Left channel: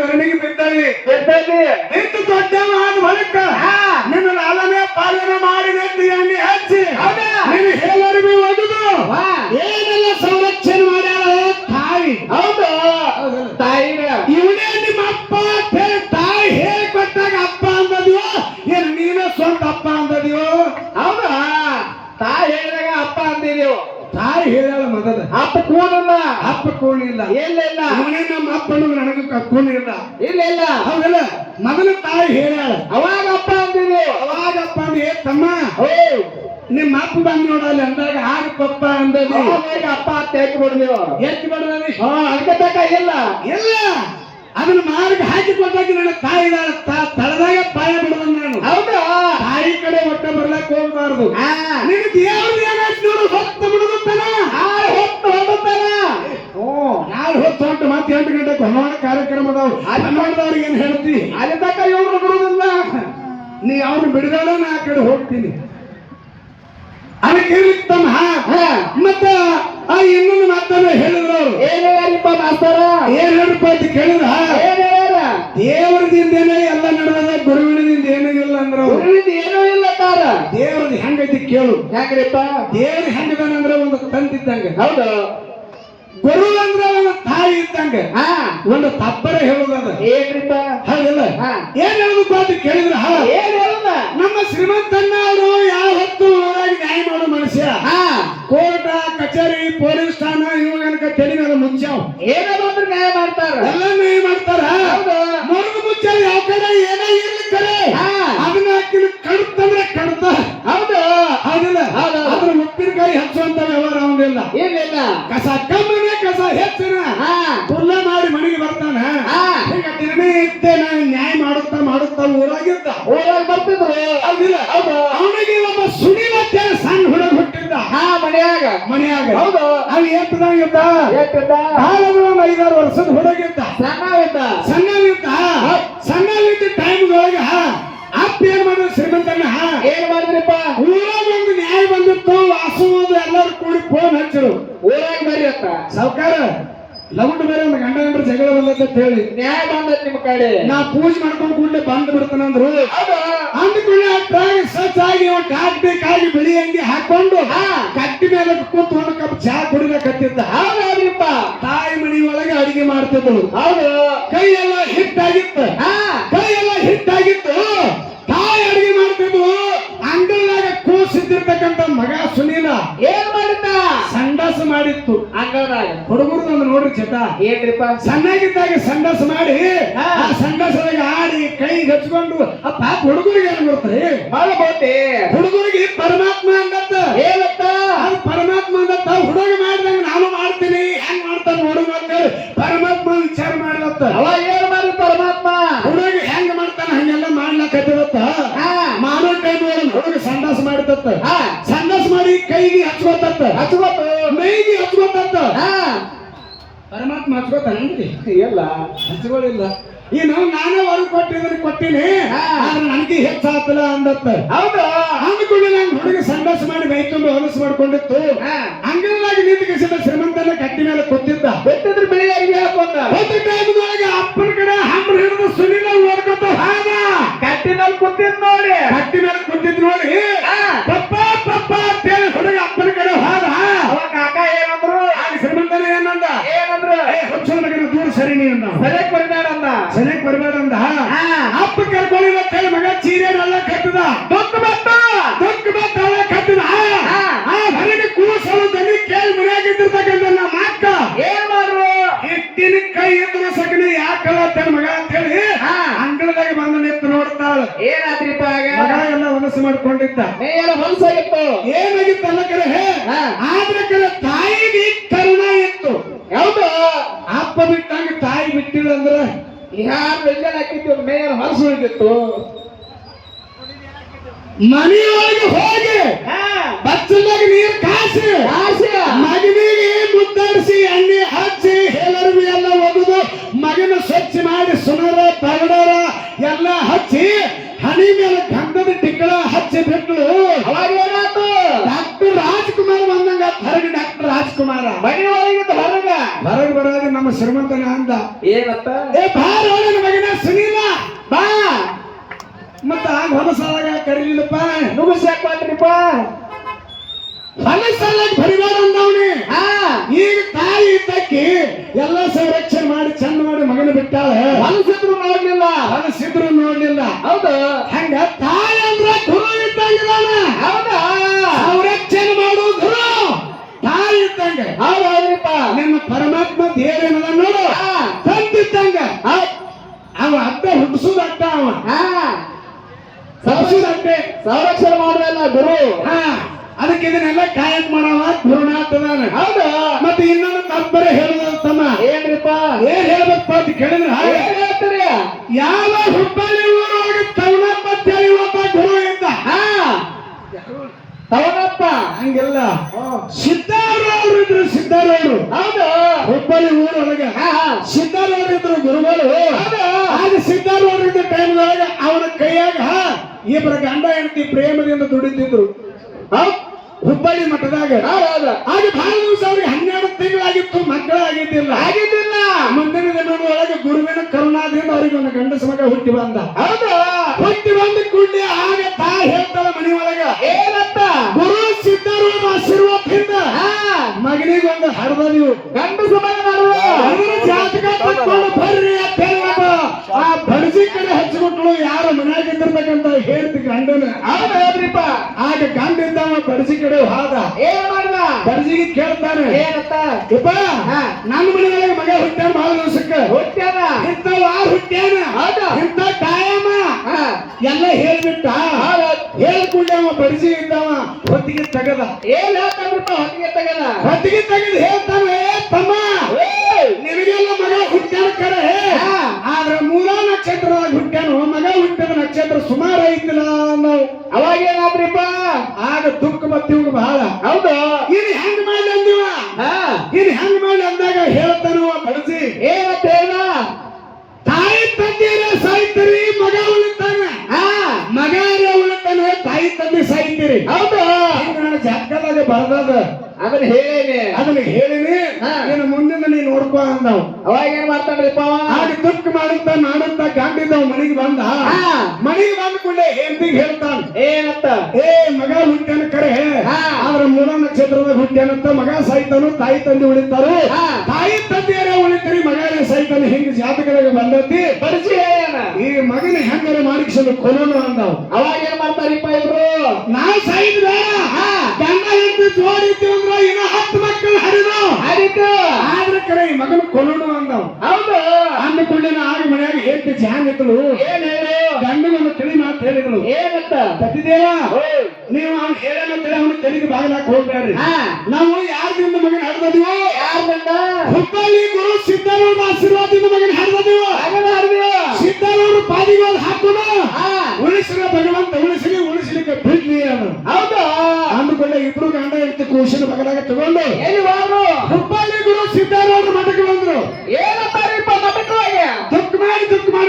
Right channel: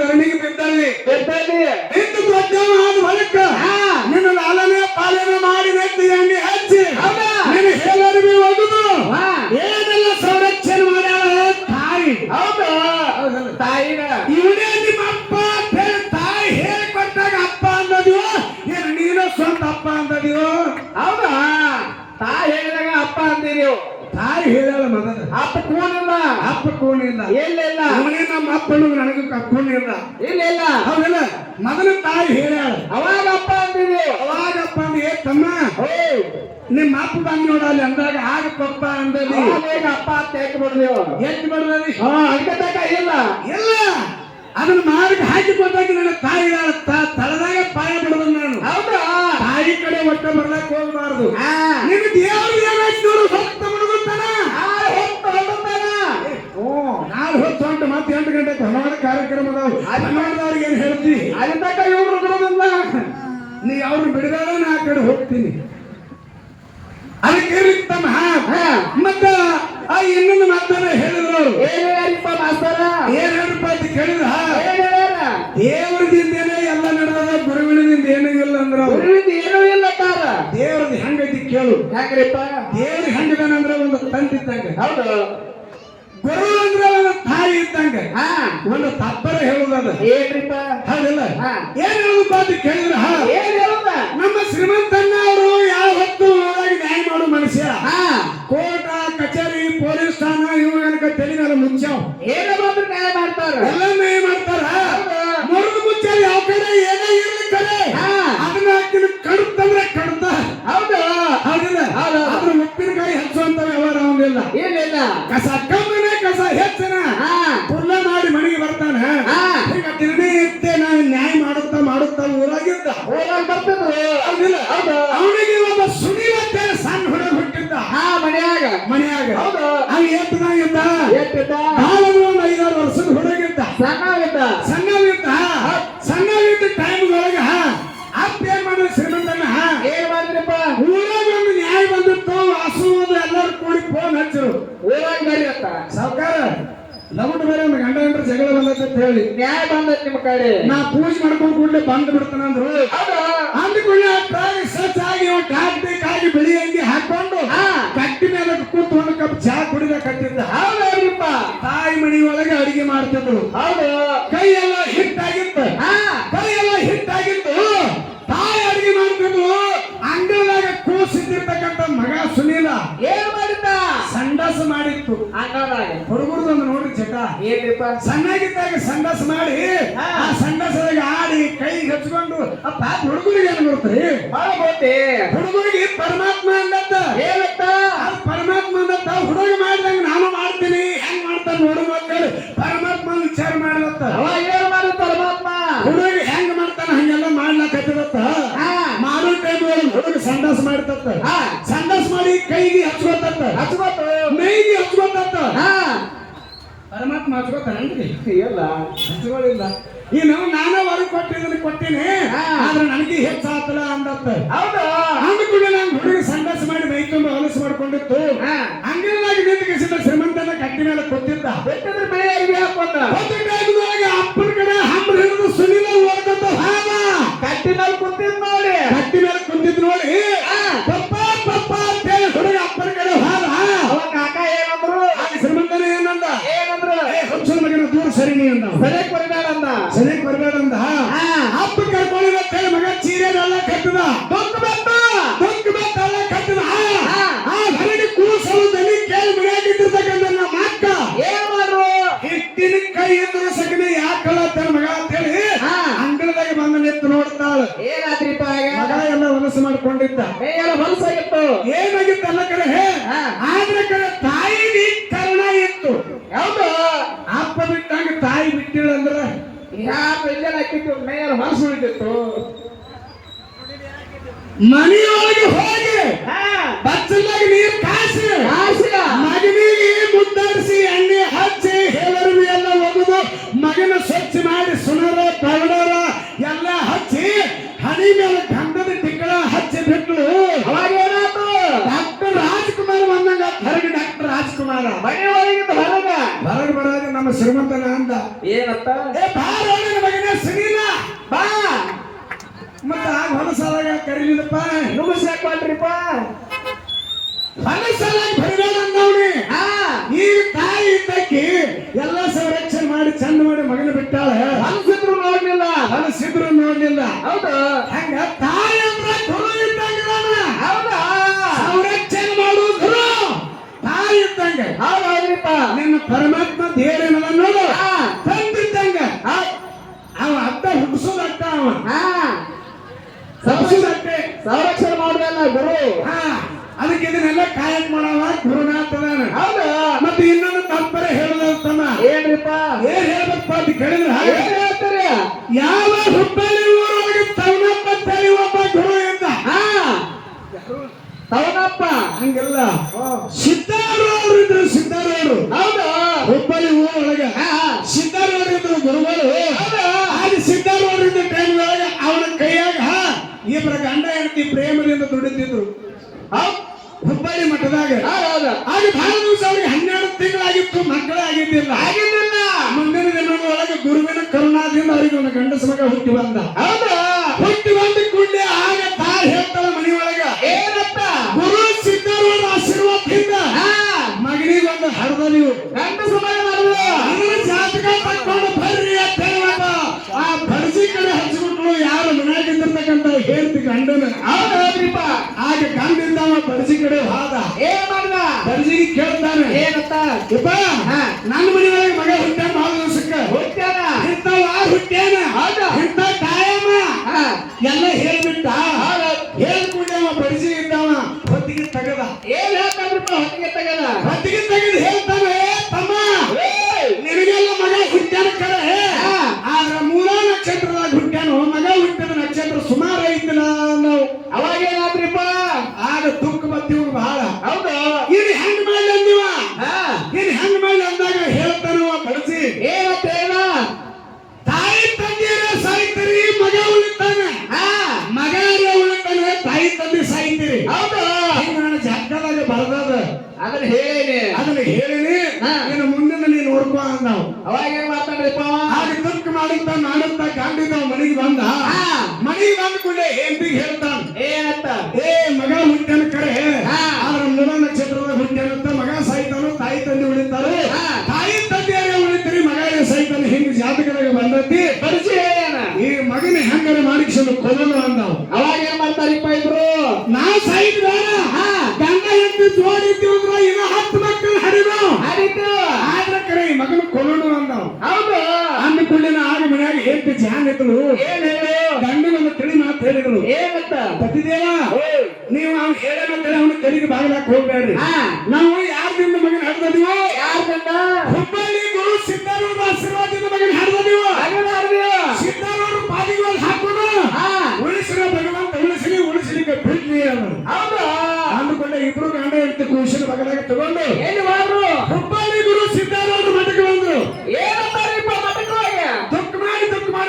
ಧರಣಿಗೆ ಬಿದ್ದಲ್ಲಿ. ನಿಂತು ದೊಡ್ಡವ ಆದ ಬಳಿಕ ಹಾ. ನಿನ್ನ ಲಾಲನೆ ಪಾಲನೆ ಮಾಡಿ ನೆತ್ತಿ ಎಣ್ಣೆ ಹಚ್ಚಿ? ನಿನ್ನ ಎಲ್ಲರಿಗೂ ಒಗೆದು. ಹಾ. ಏನೆಲ್ಲ ಸಂರಕ್ಷಣೆ ಮಾಡ್ಯಾಳ ತಾಯಿ. ಹೌದಾ? ತಾಯಿ ಇವನೇ ನಿಮ್ಮ ಅಪ್ಪ ಅಂತ ಹೇಳಿ ತಾಯಿ ಹೇಳಿಕೊಟ್ಟಾಗ ಅಪ್ಪ ಅಂದದಿವ ಏನು ನೀನು ಸ್ವಂತ ಅಪ್ಪ ಅಂದದಿವ ಹೌದಾ? ತಾಯಿ ಹೇಳಿದಾಗ ಅಪ್ಪ ಅಂತೀರಿ ತಾಯಿ ಹೇಳಲ್ಲ ಮಗದ ಅಪ್ಪ ಕೂಡಲ್ಲ. ಅಪ್ಪ ಕೂಣ ಇಲ್ಲ ಇಲ್ಲ ಇಲ್ಲ ಇವನೇ ನಮ್ಮ ಅಪ್ಪನು ಕೂಣ ಇಲ್ಲ ಇಲ್ಲ. ಹೌದಲ್ಲ? ಮೊದಲು ತಾಯಿ ಹೇಳ. ಅವಾಗ ಅಪ್ಪ ಅಂತೀರಿ ಅವಾಗಪ್ಪ ಅಂದ್ ಏ ತಮ್ಮ ನಿಮ್ಮ ಅಪ್ಪ ಬಂದ್ ನೋಡಲ್ಲಿ ಅಂದಾಗ ಆಗ ಪಪ್ಪ ಅಂದದಿ ಅವಾಗ ಅಪ್ಪ ಅಂತ ಹೇಳಿ ಬಿಡ್ತೀವಿ ಎಷ್ಟು ಬರ್ತದೆ ಹಾ ಅದಕ್ಕೆ ಬೇಕಾಗಿಲ್ಲ ಇಲ್ಲ. ಅದನ್ನ ಮಾರ್ಗ ಹಾಕಿ ಕೊಟ್ಟಾಗ ನನ್ನ ತಾಯಿ ತಳದಾಗ ಪಾಯ ಬಿಡೋದು ನಾನು. ಹೌದಾ? ತಾಯಿ ಕಡೆ ಒಟ್ಟ ಬರ್ಲಕ್ ಹೋಗ್ಬಾರ್ದು. ಹಾ. ಕೇಳು ದೇವ್ರ ಹೆಣ್ಣಿಗನ ಅಂದ್ರೆ ಒಂದು ತಂತಿದ್ದಂಗೆ ಹೌದು. ಗುರು ಅಂದ್ರೆ ಒಂದು ತಾಯಿ ಇದ್ದಂಗೆ. ಹಾ. ಒಂದು ತಪ್ಪರ ಹೇಳುದದ ಏನ್ರಿಪ್ಪ? ಹೌದಲ್ಲ. ಏನ್ ಹೇಳುದು ಅಂತ ಕೇಳಿದ್ರ ಹಾ, ಏನ್ ಹೇಳುದ? ನಮ್ಮ ಶ್ರೀಮಂತಣ್ಣ ಅವರು ಯಾವ ಹೊತ್ತು ಹೋದಾಗ ನ್ಯಾಯ ಮಾಡೋ ಮನುಷ್ಯ? ಹಾ. ಕೋರ್ಟ ಕಚೇರಿ ಪೊಲೀಸ್ ಠಾಣ ಇವಾಗ ತಲೆ ಮೇಲೆ ಮುಚ್ಚಾವ್ ಏನೋ ಬಂದ್ರೆ ನ್ಯಾಯ ಮಾಡ್ತಾರ. ಎಲ್ಲ ಇತ್ತೆ ನಾನು ನ್ಯಾಯ ಮಾಡುತ್ತಾ ಮಾಡುತ್ತಾ ಊರಾಗಿದ್ದ. ಊರಾಗ? ಬರ್ತಿದ್ರು ಅವನಿಗೆ ಒಬ್ಬ ಸುಡಿಲತ್ತೆ ಸಣ್ಣ ಹುಡುಗ ಹುಟ್ಟಿದ್ದ. ಹಾ ಮನೆಯಾಗ. ಮನೆಯಾಗ. ಹೌದು. ಅವ್ ಎತ್ತದಾಗಿದ್ದ ಸಣ್ಣ ಹಾಗಾದ್ರೆ ಒಂದು ಐದಾರು ವರ್ಷದ ಹುಡುಗಿದ್ದ. ಸಣ್ಣವಿದ್ದ? ಸಣ್ಣವಿದ್ದ. ಸಣ್ಣವಿದ್ದ ಹಾ. ಅಪ್ಪ ಏನ್ ಶ್ರೀಮಂತನ ಹಾ. ಏನ್ ಮಾಡಿದ್ರಪ್ಪ? ಊರಾಗ ಒಂದು ನ್ಯಾಯ ಬಂದಿತ್ತು ವಾಸು ಎಲ್ಲರೂ ಕೂಡಿ ಫೋನ್ ಹಚ್ಚರು. ಊರಾಗ ಮೇಲೆ ಅಂತ. ಸಾವುಕಾರ? ಗಂಡ್ರ ಜಗಳ ಬಂದತ್ತ ಅಂತ ಹೇಳಿ. ನ್ಯಾಯ ಬಂದೈತಿ ನಿಮ್ಮ ಕಡೆ. ನಾ ಪೂಜೆ ಮಾಡ್ಕೊಂಡು ಕೂಡಲೇ ಬಂದು ಬಿಡ್ತಾನಂದ್ರು ಅಂದ್ಕೊಳ್ಳಿ ಅಷ್ಟಾಗಿ ಸ್ವಚ್ಛ ಆಗಿ ಒಂದು ಕಾಟಿ ಕಾಗಿ ಬಿಳಿ ಅಂಗಿ ಹಾಕೊಂಡು. ಕಟ್ಟಿ ಮೇಲೆ ಕೂತು ಒಂದು ಕಪ್ ಚಹಾ ಕುಡಿಬೇಕಂತಿದ್ದ. ಹೌದಪ್ಪ ತಾಯಿ ಮನೆಯೊಳಗೆ ಅಡಿಗೆ ಮಾಡ್ತಿದ್ದಳು ಹೌದು? ಕೈ ಎಲ್ಲ ಹಿಟ್ಟಾಗಿತ್ತು. ಹಾ. ಕೈ ಎಲ್ಲ ಹಿಟ್ಟಾಗಿತ್ತು. ತಾಯಿ ಅಡಿಗೆ ಮಾಡ್ತಿದ್ಳು ಅಂಗಳದಾಗ ಕೂಸಿದ್ದಿರ್ತಕ್ಕಂಥ ಮಗ ಸುನೀಲ. ಏನ್ ಮಾಡಿತ್ತು ಅಂಗಳದಾಗ ಹುಡುಗರದೊಂದು ನೋಡ್ರಿ ಚಿತ್ತ ಏನ್ರಿಪ್ಪ? ಸಣ್ಣಗಿದ್ದಾಗ ಸಂಡಾಸ ಮಾಡಿ. ಆ ಸಂಡಾಸದಾಗ ಆಡಿ ಕೈ ಹಚ್ಕೊಂಡು ಆ ಪಾಪ ಹುಡುಗರಿಗೆ ಏನ್ ಗೊತ್ತ್ರಿ? ಬಹಳ ಬಾತೆ ಹುಡುಗರಿಗೆ ಪರಮಾತ್ಮ ಮೈಗೆ ಹಚ್ಕೊಂಡಂತ. ಹಾ. ಪರಮಾತ್ಮ ಹಚ್ಕೊತಾನಂದ್ರಿ ಇಲ್ಲ. ಹಚ್ಕೊಳ್ಳಿಲ್ಲ ಇನ್ನು ನಾನೇ ಹೊರಗೆ ಕೊಟ್ಟಿದ್ರೆ ಕೊಟ್ಟಿನಿ. ಆದ್ರೆ ನನಗೆ ಹೆಚ್ಚಾತಲ್ಲ ಅಂದತ್ತ. ಹೌದು? ಅಂದ್ಕೊಂಡು ನಾನು ಹುಡುಗ ಸಂಘರ್ಷ ಮಾಡಿ ಬೈಕೊಂಡು ಹೊಲಸು ಮಾಡ್ಕೊಂಡಿತ್ತು. ಹಂಗಾಗಿ ನಿಂತು ಶ್ರೀಮಂತನ ಕಟ್ಟಿ ಮೇಲೆ ಕೊಟ್ಟಿದ್ದ? ಬೆಟ್ಟದ್ರ ನೀ ಅಂದ ಸರಿ ಬರ್ಬೇಡ ಅಂದ ಸರಿಯಾಗಿ ಬರ್ಬೇಕಂದ ಹಾ. ಅಪ್ಪ ಕರ್ಕೊಳ್ಳಿ ಅಂತೇಳಿ ಮಗ ಚೀರೆ ಎಲ್ಲ ಕಟ್ಟದ. ಮಾಡಿಸ್ಬೇಕಿತ್ತು ಮನೆಯೊಳಗೆ ಹೋಗಿ ಬಚ್ಚಲಾಗಿ ನೀರು ಕಾಸು. ಕಾಸು. ಮಗನಿಗೆ ಮುದ್ದರಿಸಿ ಎಣ್ಣೆ ಹಚ್ಚಿ ಹೇಳರಿವಿ ಎಲ್ಲ ಒಗೆದು ಮಗನ ಸ್ವಚ್ಛ ಮಾಡಿ ಸುನರ ತಗಡರ ಎಲ್ಲ ಹಚ್ಚಿ ಹನಿ ಮೇಲೆ ಗಂಧದ ಟಿಕ್ಕಳ ಹಚ್ಚಿ ಬಿಟ್ಲು. ಡಾಕ್ಟರ್ ರಾಜ್ಕುಮಾರ್ ಬಂದಂಗ ಹೊರಗೆ ಡಾಕ್ಟರ್ ರಾಜ್ಕುಮಾರ. ಮನೆಯೊಳಗೆ ಹೊರಗ. ಹೊರಗೆ ಬರೋದು ನಮ್ಮ ಶ್ರೀಮಂತನ ಅಂದ. ಏನತ್ತ? ಏ ಬಾರ ಹೊಲಸಲಾಗ ಬರಿಬೇಡ ಅಂದವನಿ ಹಾ. ಈಗ ತಾಯಿ ಇದ್ದಕ್ಕೆ ಎಲ್ಲ ಸಂರಕ್ಷಣೆ ಮಾಡಿ ಚಂದ ಮಾಡಿ ಮಗನ ಬಿಟ್ಟಾಳ. ಮನಸ್ಸಿದ್ರು ನೋಡ್ಲಿಲ್ಲ. ಹೊಲಸಿದ್ರು ನೋಡ್ಲಿಲ್ಲ. ಹೌದಾ? ಹಂಗ ತಾಯಿ ಅಂದ್ರೆ ಗುರು ಇದ್ದಂಗ ಹೌದಾ? ಸಂರಕ್ಷಣೆ ಗುರು. ತಾಯಿ ಇದ್ದಂಗೆ. ಹೌದೌದ್ರಿಪ್ಪ ನಿನ್ನ ಪರಮಾತ್ಮ ದೇವರನ್ನ ನೋಡು ಹಾ ತಂದಿದ್ದಂಗ ಅವ ಅಡ್ಡ ಹುಟ್ಟಿಸೋದು ಅಡ್ಡ ಅವ ಹಾ ತಪ್ಪಿಸೋದು ಅಡ್ಡೆ ಸಂರಕ್ಷಣೆ ಮಾಡಲ್ಲ ಗುರು ಹಾ ಅದಕ್ಕೆ ಇದನ್ನೆಲ್ಲ ಕಾಯಕ್ ಮಾಡವ ಗುರುನಾಥದಾನ ಹೌದಾ ಮತ್ತೆ ಇನ್ನೊಂದು ತಪ್ಪರೆ ಹೇಳೋದನ್ನ ಏನ್ರಿಪ್ಪ ಏನ್ ಹೇಳ್ಬೇಕಪ್ಪ ಅಂತ ಕೇಳಿದ್ರೆ ಏನ್ ಹೇಳ್ತೀರಿ ಯಾವ ಹುಬ್ಬಳ್ಳಿ ಊರೊಳಗೆ ತವನಪ್ಪ ಅಂತೇಳಿ ಒಬ್ಬ ಗುರು ಇದ್ದ ಹಾ ತವನಪ್ಪ ಹಂಗಿಲ್ಲ ಸಿದ್ದಾರೂಢರು ಇದ್ರು ಸಿದ್ದಾರೂಢರು ಹೌದು ಹುಬ್ಬಳ್ಳಿ ಊರೊಳಗೆ ಹಾ ಗುರುಗಳು ಆಗ ಸಿದ್ದಾರೂಢರಿದ್ದ ಟೈಮ್ ಒಳಗೆ ಅವನ ಕೈಯಾಗ ಇಬ್ಬರ ಗಂಡ ಹೆಂಡತಿ ಪ್ರೇಮದಿಂದ ದುಡಿತಿದ್ರು. ಹುಬ್ಬಳ್ಳಿ ಮಠದಾಗ. ಆಗ ಬಹಳ ದಿವಸ ಅವ್ರಿಗೆ ಹನ್ನೆರಡು ತಿಂಗಳಾಗಿತ್ತು ಮಕ್ಕಳಾಗಿದ್ದಿಲ್ಲ. ಆಗಿದ್ದಿಲ್ಲ. ಮುಂದಿನ ದಿನಗಳೊಳಗೆ ಗುರುವಿನ ಕರುಣಾದಿಂದ ಅವರಿಗೆ ಒಂದು ಗಂಡಸ ಮಗ ಹುಟ್ಟಿ ಬಂದ. ಹೇಳ್ತಿ ಗಂಡನ ಹೌದೌದ್ರಿಪ್ಪ ಆಗ ಅವ ಬಡಸಿ ಕಡೆ. ಹೋದ. ಏನ್ ಮಾಡ್ದ ಬಡಸಿಗೆ ಕೇಳ್ತಾನೆ. ಏನತ್ತ? ಯಪ್ಪ ಹಾ. ನನ್ನ ಮನೆಯೊಳಗೆ ಮಗ ಹುಟ್ಟ್ಯಾನ ಭಾಳ ದಿವಸಕ್ಕೆ? ಹುಟ್ಟ್ಯಾನ? ಇಂಥವ ಹುಟ್ಟ್ಯಾನ? ಹೌದಾ? ಇಂಥ ಕಾಯಮ್ಮ ಹಾ. ಎಲ್ಲ ಹೇಳ್ಬಿಟ್ಟ. ಹೇಳ್ಕೊಂಡವ ಬಡಿಸಿ ಇದ್ದವ ಹೊತ್ತಿಗೆ ತೆಗದ. ಏನ್? ಆಗ ದುಃಖ ಮತ್ತೆ ಇವ್ರು ಬಹಳ. ಹೌದು. ಇದು ಹೆಂಗ್ ಮಾಡ್ಲಿ ಅಂದಿವ. ಹಾ. ಇದು ಹೆಂಗ್ ಮಾಡ್ಲಿ ಅಂದಾಗ ಹೇಳ್ತಾನವ ಬಡಿಸಿ ಏ ಏನ? ತಾಯಿ ತಂದೆಯರ ಸಾಯ್ತೀರಿ ಮಗ ಉಳಿತಾನ ಹಾ. ಮಗ ಉಳಿತಾನೆ ತಾಯಿ ತಂದೆ ಸಾಯ್ತೀರಿ ಹೌದು. ನನ್ನ ಜಾಗದಾಗ ಬರ್ದಾದ. ಅದನ್ನ ಹೇಳೇನಿ. ಅದನ್ನ ಹೇಳಿನಿ. ನಿನ್ನ ನೀನು ಮುಂದಿನ ನೀನು ನೋಡ್ಕೋ ಅಂದವ್. ಅವಾಗ ಏನ್ ಮಾಡ್ತಾನ್ರಿಪ್ಪ ಆಗ ದುಃಖ ಮಾಡುತ್ತ ಮಾಡುತ್ತ ಗಾಂಡಿದವ್ ಮನೆಗೆ ಬಂದ. ಹಾ. ಮನೆಗೆ ಬಂದ ಕೂಡಲೇ ಹೆಂಡತಿಗೆ ಹೇಳ್ತಾನ. ಏನಂತ? ಏ ಮಗ ಹುಟ್ಟ್ಯಾನ ಕರೆ ಹಾ. ಆದ್ರ ಮೂಲ ಹುಟ್ಟ್ಯಾನಂತ ಮಗ ಸಹಿತನು ತಾಯಿ ತಂದೆ ಉಳಿತಾರೆ. ತಾಯಿ ತಂದೆಯರೇ ಉಳಿತೀರಿ ಮಗ ಸಾಯ್ತಾನೆ ಹಿಂಗ ಜಾತಕದಾಗ ಬಂದತಿ. ಪರಿಚಯ ಈ ಮಗನ ಹೆಂಗಾರ ಮಾಡಿಸಲು ಕೊಲ್ಲೋಣ ಅಂದಾವ. ಅವಾಗ ಏನ್ ಮಾಡ್ತಾರಿಪ್ಪ ಇಬ್ರು ನಾ ಸಾಯ್ತ ಹಾ. ಗಂಡ ಹೆಂಡತಿ ಜೋಡಿದ್ದೀವಿ ಅಂದ್ರ ಏನೋ ಹತ್ತು ಮಕ್ಕಳು ಹರಿದು. ಹರಿತು. ಆದ್ರ ಕಡೆ ಈ ಮಗನ ಕೊಲ್ಲೋಣ ಅಂದವ್ ಹೌದು ಅಂದ ಕೂಡಲೇ ಆಗ ಮನ್ಯಾಗ ಜಾನಕರು ಗಂಡನನ್ನು ತಿಳಿ ಮಾತು ಹೇಳಿದಳು. ಏನಂತ? ಪತಿದೇವ. ನೀವು ನಾನು ಹೇಳೋಣ ತಿಳಿ ಅವನು ತೆಲಿಗೆ ಬಾಗಿಲಾಕ ಹೋಗ್ಬೇಡ್ರಿ. ನಾವು ಯಾರಿಂದ ಮಗನ ಹಡ್ದದೀವೋ? ಯಾರಿಂದ ಹುಬ್ಬಳ್ಳಿ ಗುರು ಸಿದ್ದರಾಮ ಆಶೀರ್ವಾದದಿಂದ ಮಗನ